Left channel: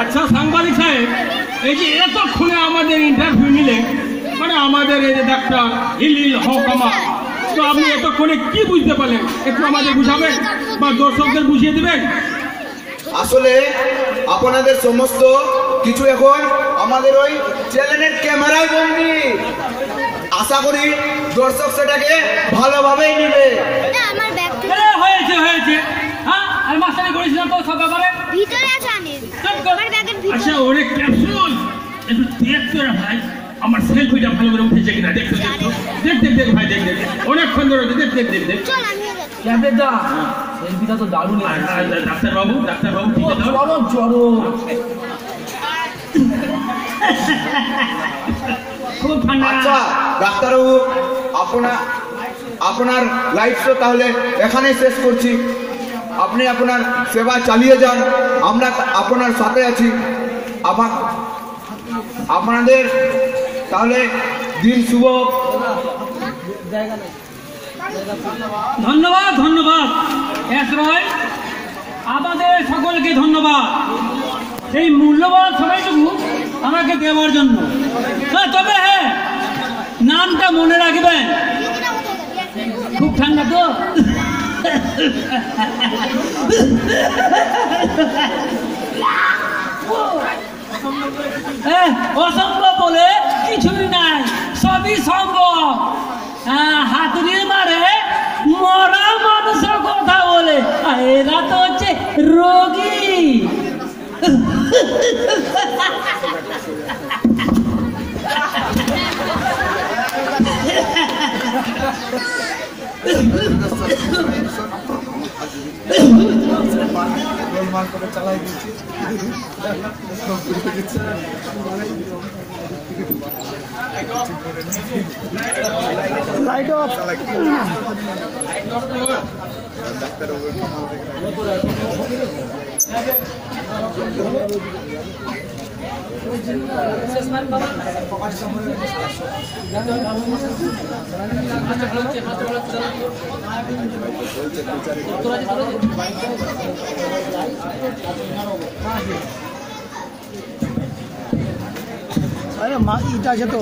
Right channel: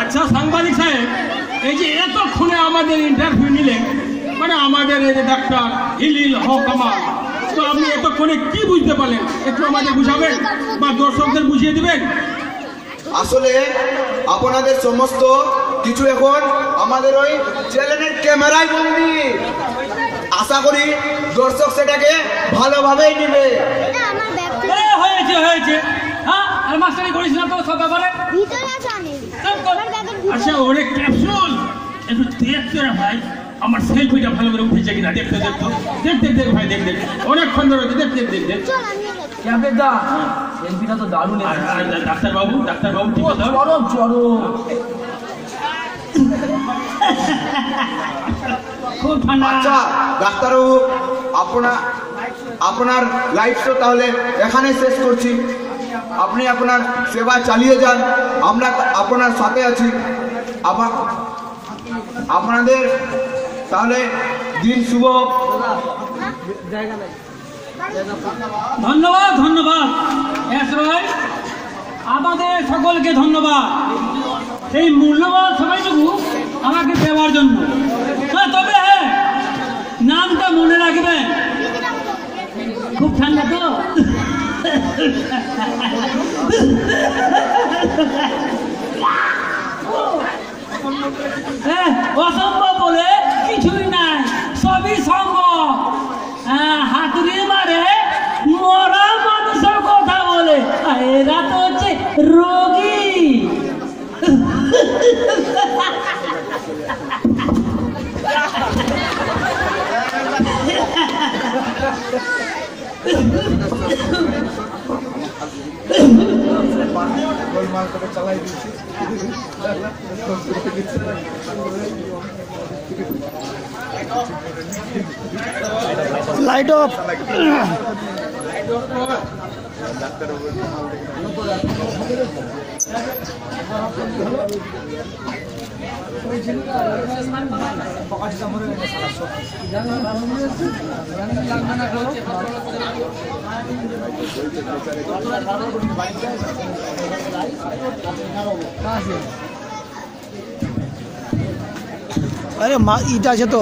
আচ্ছা সাংবাদিক সাহেব, এই যে এতক্ষণে আমাদের ইন্টারভিউ নিলে, মানে আমাদের এই যে ডাক্তার হিলিল হক আমার, তো আপনি এতক্ষণে কি বুঝতে পারলেন? একটু আমাদের বুঝাবেন বা দর্শকদের বুঝিয়ে দিবেন? আসলে আপনাদের সমস্ত কিছু এখন আমাদের ওই চ্যানেলের ক্যামেরায় বন্দি। আশা করি দর্শক সেটাকে ভালোভাবেই নেবে। হয়েছে হয়েছে, হ্যাঁ আর মাস্টারি করিস না তো সব ব্যাপারে। ভিতরে জানেন আমার ব্যাগের ভিতরে। আচ্ছা ওরে ক্যাপসুল, একটু দেখতে না ভাই, আমার সেলফিটা ভালো করে উঠেছে কিনা দেখতে দেখতে দেখ দেখ দেখ ভাই, দেখ দেখ অনেকক্ষণ ধরে দেখ দেখ দেখ দেখ। চল আমিও যাচ্ছি। ক্যাপের দা সেলফিটা তো দারুণ এসেছে। ডাক্তারবাবু ঠিক আছে, চরম চরম খুব ঠান্ডা। আচ্ছা ডাক্তারবাবু, আপনার লাইভ শো তাহলে এখানেই শেষ করছি। আপনি আপনার সেবা চালিয়ে যান, আমরা আপনার সাথে আছি। আপনাদের তাহলে দিন শুভ। ধন্যবাদ ধন্যবাদ এসরাই, আমাদের সকলকে ধন্যবাদ এই মূল্যবান সময়টুকু আমাকে দেওয়ার জন্য। না তবে হ্যাঁ, নামটা মনে রাখবেন, খুব ঠান্ডা তো। অসম্ভব বলে কিছুই নাই, সবই সম্ভব। হাতুড়ি মারে মরা মানুষের কথা বলে, এরা তো হচ্ছে রোগী। Light off. আরে মা ইটা আছে তো।